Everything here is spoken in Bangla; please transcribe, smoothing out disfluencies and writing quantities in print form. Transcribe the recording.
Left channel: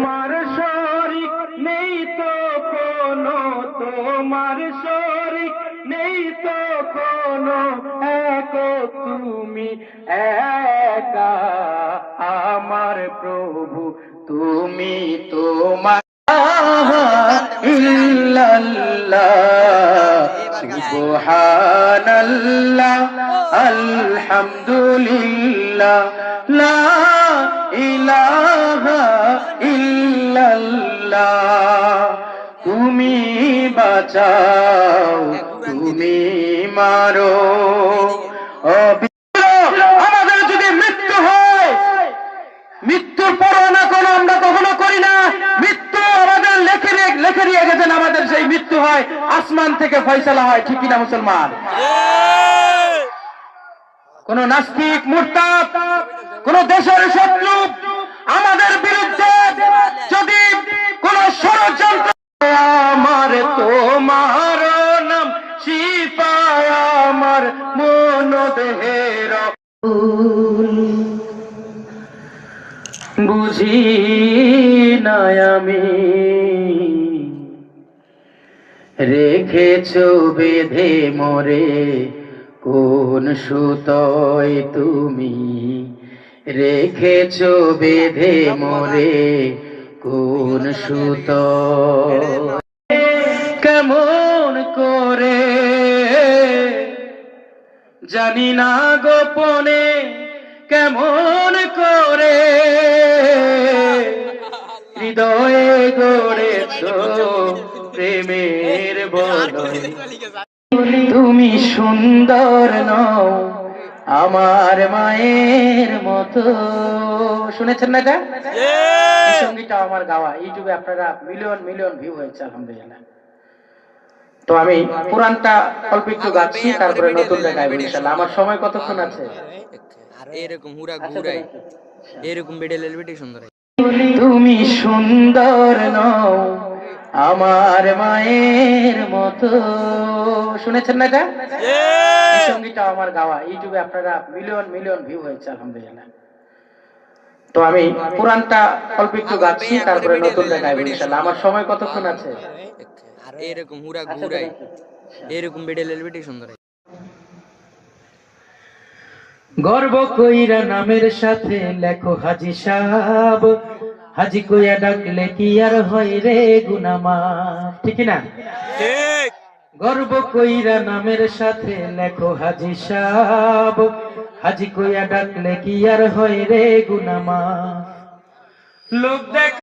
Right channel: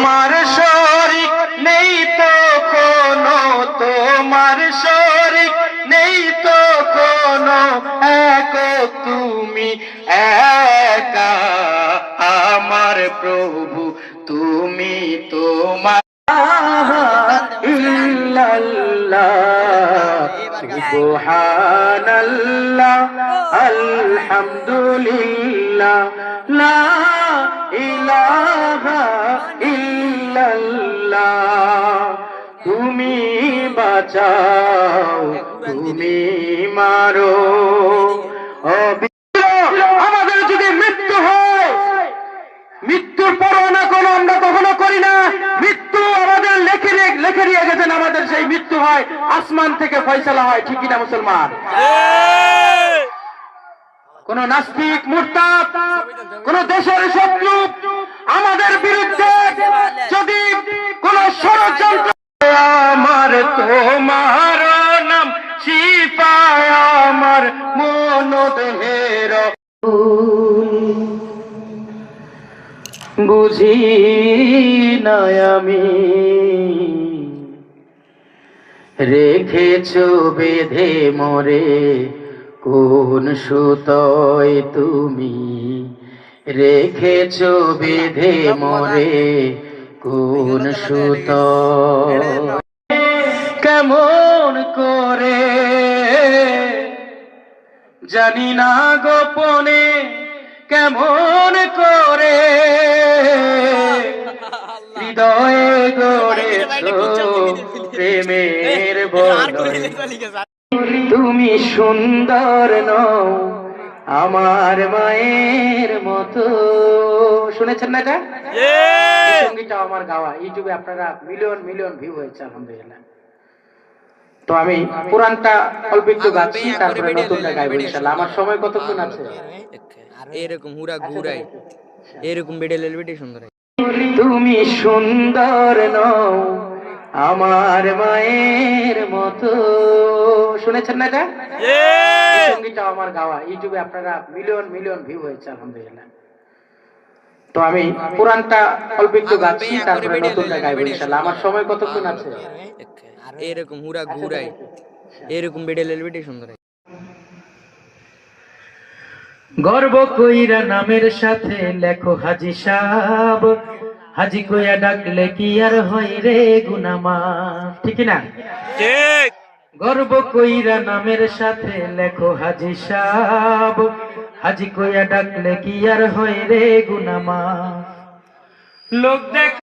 তোমার শরীক নেই তো কোনো, তোমার শরীক নেই তো কোনো, একক তুমি একা আমার প্রভু, তুমি তোমার ইল্লাল্লাহ সুবহানাল্লাহ আলহামদুলিল্লাহ লা ইলাহা ইল্লাল্লাহ। তুমি বাঁচাও, তুমি মারো। আমাদের যদি মৃত্যু হয়, মৃত্যুর পরোয়ানা কোনো আমরা কখনো করি না। মৃত্যু আমাদের লেখে দিয়ে গেছেন, আমাদের সেই মৃত্যু হয় আসমান থেকে ফয়সালা হয়, ঠিক কিনা মুসলমান? কোন নাস্তিক মুরতাদ, কোন দেশের শত্রু আমাদের বিরুদ্ধে যদি কোন ষড়যন্ত্র, আমার তোমার নাম শিফা আমার মন দেহের, বুঝি না আমি রেখেছ বেঁধে মোরে কোন সুতোয়, তুমি রেখেছ বেঁধে মোরে কোন সুতোয়। কেমন করে জানি না গোপনে, কেমন করে হৃদয়ে গড়েছ প্রেমের বলয়। তুমি সুন্দর নও আমার মায়ের মতো। শুনেছেন না এটা? সঙ্গীটা আমার গাওয়া, ইউটিউবে আপনারা মিলিয়ন মিলিয়ন ভিউ হয়েছে আলহামদুলিল্লাহ। তো আমি পুরানটা অল্প একটু গাচ্ছি, তারপরে নতুনটা গাইব ইনশাআল্লাহ। আমার সময় কতক্ষণ আছে? এরকম হুড়া ঘুরাই, এরকম বেডেলের বেটে সুন্দর। তুমি সুন্দর নও আমার মায়ের মতো। শুনেছেন না এটা? সঙ্গীটা আমার গাওয়া, ইউটিউবে আপনারা মিলিয়ন মিলিয়ন ভিউ হয়েছে আলহামদুলিল্লাহ। তো আমি পুরানটা অল্প একটু গাচ্ছি, তারপরে নতুনটা গাইব ইনশাআল্লাহ। আমার সময় কতক্ষণ আছে? এরকম হুড়া ঘুরাই, এরকম বেডেলের বেটে সুন্দর। গর্ব কইরা নামের সাথে লেখো হাজি সাহেব, হাজি কইয়া ডাকলে কি আর হয় রে গুনামাফ, ঠিক না? ঠিক। গর্ব কইরা নামের সাথে লেখো হাজি সাহেব, হাজি কইয়া ডাকলে কি আর হয় রে গুনামাফ। লোক দেখ